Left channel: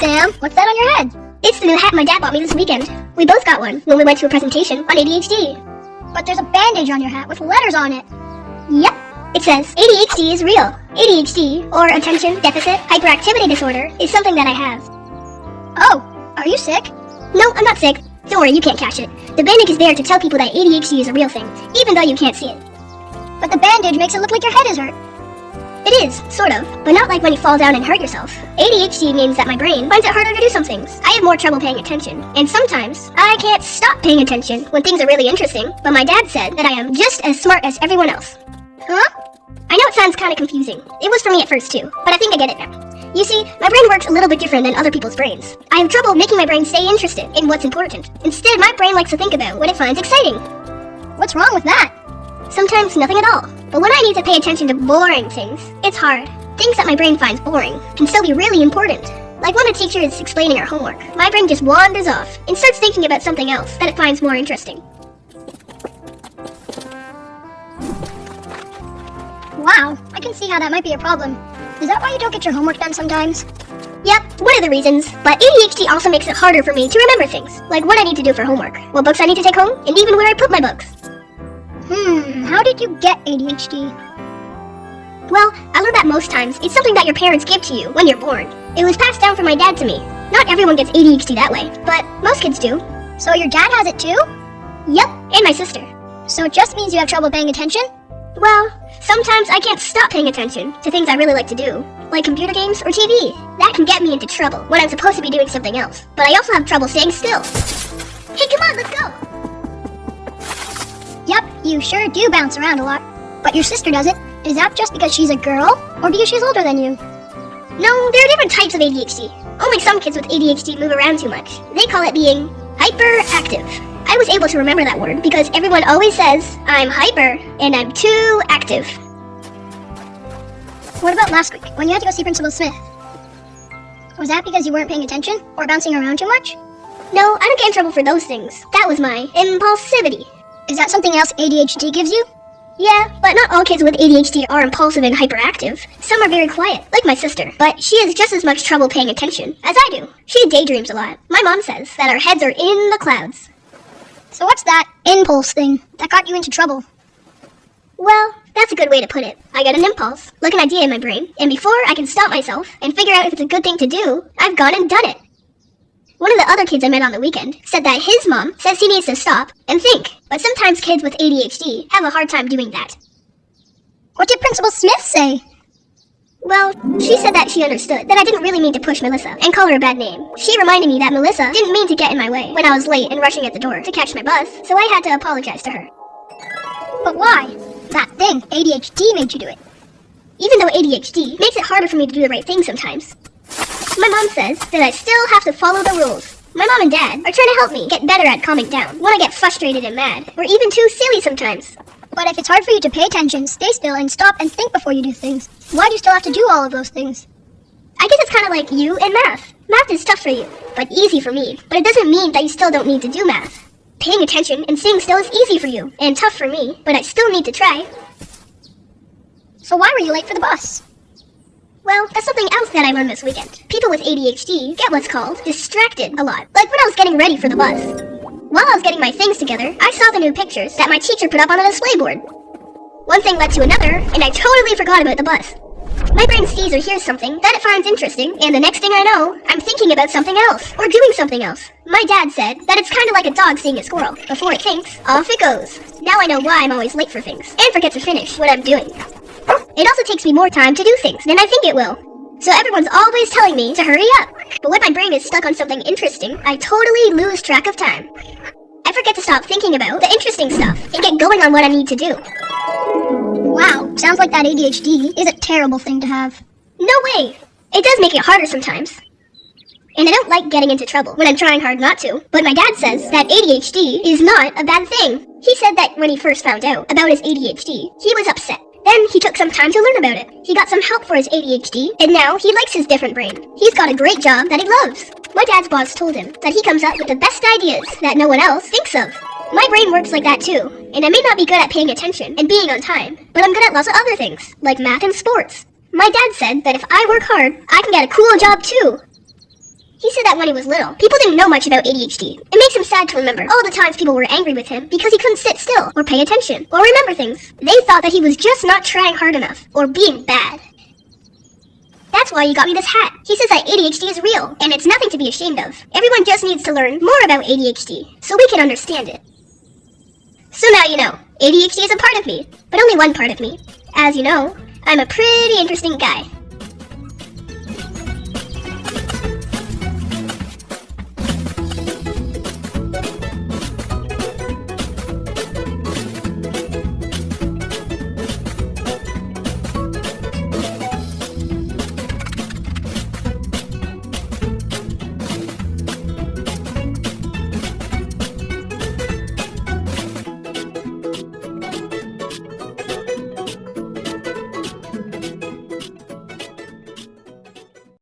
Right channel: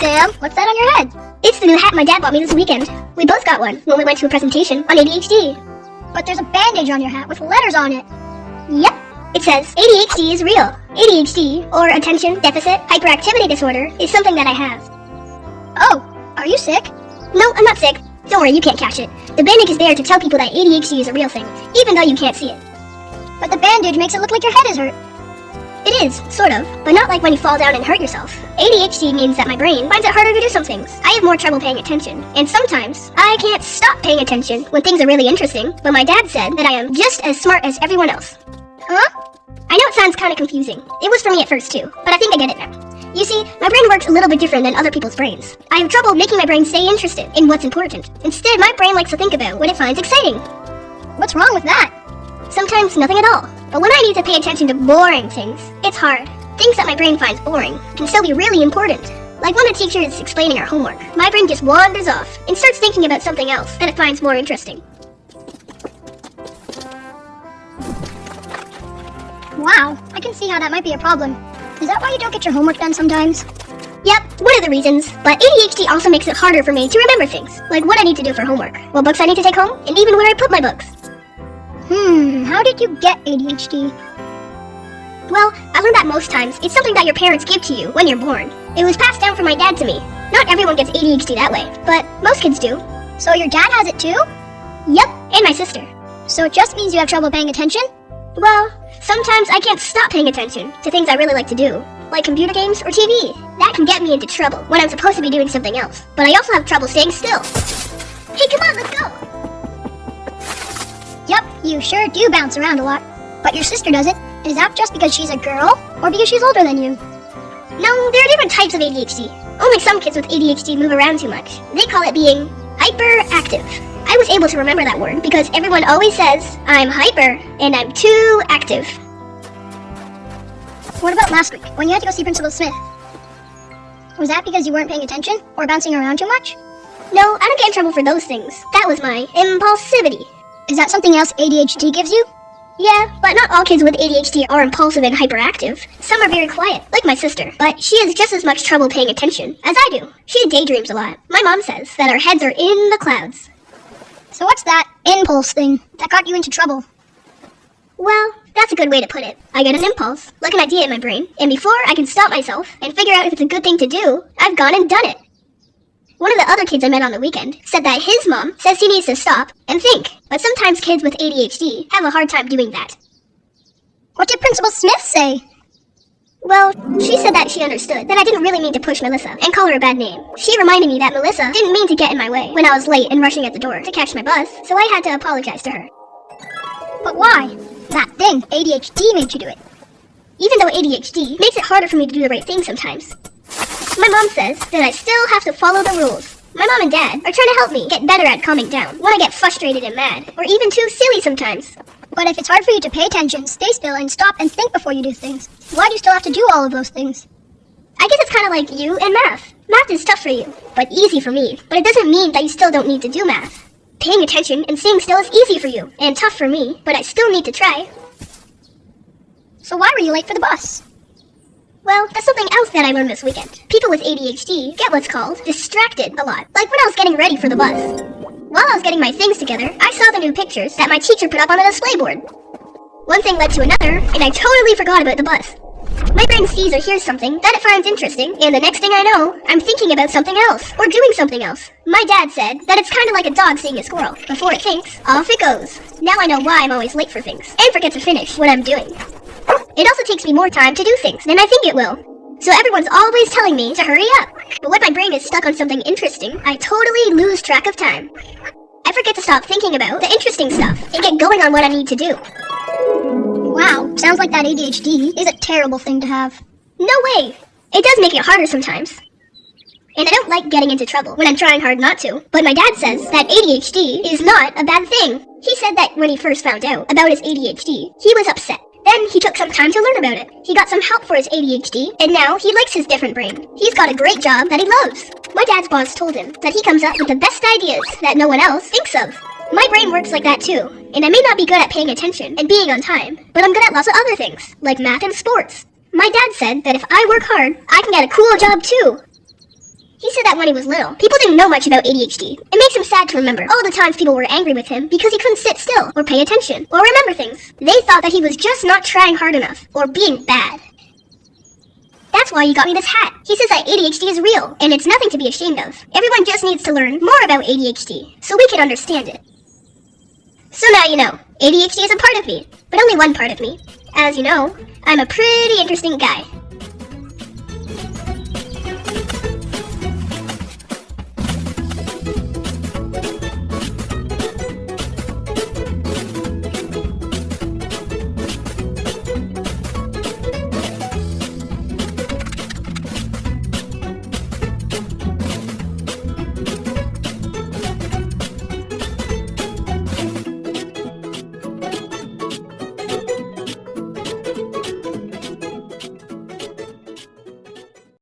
Sam, what's that on your head? It's the new hat my dad bought me this weekend. We both got one when we went to a presentation on ADHD. But there's a bandage on your hat with letters on it. Yep. It says, ADHD is real. ADHD, or Attention Deficit Hyperactivity Disorder, is something that I have. Oh, are you sick? No, I'm not sick. Don't worry, you can't catch it. The bandage is there to tell people that ADHD is a real thing, even though you can't see it. But the bandage makes it look like your head is hurt. It is, sort of, but not like when you fall down and hurt yourself. ADHD means that my brain finds it harder to do some things. I have more trouble paying attention, and sometimes I can't stop paying attention when things are really interesting, but my dad said that I am just as smart as everyone else. Huh? I know it sounds kind of confusing. It was for me at first too, but I think I get it now. You see, my brain works a little bit different than other people's brains. I have trouble making my brain stay interested in what's important. Instead, my brain likes to think about what it finds exciting. What's wrong with that? Sometimes nothing at all. But when I need to pay attention to boring things, it's hard. Things that my brain finds boring can still be really important. Like when a teacher is explaining our homework, my brain just wanders off and starts thinking about something else that it finds more interesting. Wow, I can see how that might be a problem. Is that why you don't get your homework done sometimes? Yep, one of the reasons. But ADHD also makes it harder for me to remember things, like what I need to do for homework, what books I need to take home, and even where I put my books. How did you get ADHD? Well, I learned that most times it's something that your parents give to you when you're born. It was passed down from my dad to me. Not everyone gets ADHD that way, but most kids do. So your dad has it too? Yep, and my sister. So it just means you have trouble paying attention? Well, sometimes I can't stop paying attention to things I really like to do, like computer games or TV. That can get me into trouble when I'm supposed to be doing something else. But I also have trouble staying still. Hey, come on, let's go! Yep, you sure do bounce around a lot. But your sister doesn't. Is that just because she's a girl, or because she's older than you? No, there are different types of ADHD. Only some kids with ADHD move around too much. They call it being hyperactive. I was able to remember that word because everyone always says I'm hyper and I'm too active. What about last week, when you had to go see Principal Smith? Was that because you weren't paying attention, or bouncing around too much? No, I don't get in trouble for those things. That was my impulsivity. Is that something else ADHD gives you? Yeah, but not all kids with ADHD are impulsive and hyperactive. Some are very quiet, like my sister, but she has just as much trouble paying attention as I do. She daydreams a lot. My mom says that our heads are in the clouds. So what's that impulse thing that got you into trouble? Well, that's a good way to put it. I get an impulse, like an idea in my brain, and before I can stop myself and figure out if it's a good thing to do, I've gone and done it. One of the other kids I met on the weekend said that his mom says he needs to stop and think, but sometimes kids with ADHD have a hard time doing that. What did Principal Smith say? Well, she said that she understood that I didn't really mean to push Melissa and call her a bad name. She reminded me that Melissa didn't mean to get in my way when I was late and rushing at the door to catch my bus, so I had to apologize to her. But why? That thing, ADHD, made you do it. Even though ADHD makes it harder for me to do the right thing sometimes. My mom says that I still have to follow the rules. My mom and dad are trying to help me get better at calming down when I get frustrated and mad, or even too silly sometimes. But if it's hard for you to pay attention, stay still, and stop and think before you do things, why do you still have to do all of those things? I guess it's kind of like you and math. Math is tough for you, but easy for me. But it doesn't mean that you still don't need to do math. Paying attention and staying still is easy for you, and tough for me, but I still need to try. So why were you late for the bus? Well, that's something else that I learned this weekend. People with ADHD get what's called distracted a lot, like when I was getting ready for the bus. While I was getting my things together, I saw the new pictures that my teacher put up on a display board. One thing led to another, and I totally forgot about the bus. My brain sees or hears something that it finds interesting, and the next thing I know, I'm thinking about something else, or doing something else. My dad said that it's kind of like a dog seeing a squirrel. Before it thinks, off it goes. Now I know why I'm always late for things, and forget to finish what I'm doing. It also takes me more time to do things than I think it will. So everyone's always telling me to hurry up. But when my brain is stuck on something interesting, I totally lose track of time. I forget to stop thinking about the interesting stuff and get going on what I need to do. Wow, sounds like that ADHD is a terrible thing to have. No way! It does make it harder sometimes. And I don't like getting into trouble when I'm trying hard not to. But my dad says that ADHD is not a bad thing. He said that when he first found out about his ADHD, he was upset. Then he took some time to learn about it. He got some help for his ADHD, and now he likes his different brain. He's got a great job that he loves. My dad's boss told him that he comes up with the best ideas that no one else thinks of. My brain works like that too, and I may not be good at paying attention and being on time, but I'm good at lots of other things, like math and sports. My dad said that if I work hard, I can get a cool job too. He said that when he was little, people didn't know much about ADHD. It makes him sad to remember all the times people were angry with him because he couldn't sit still, or pay attention, or remember things. They thought that he was just not trying hard enough, or being bad. That's why he got me this hat. He says that ADHD is real, and it's nothing to be ashamed of. Everyone just needs to learn more about ADHD, so we can understand it. So now you know, ADHD is a part of me, but only one part of me. As you know, I'm a pretty interesting guy.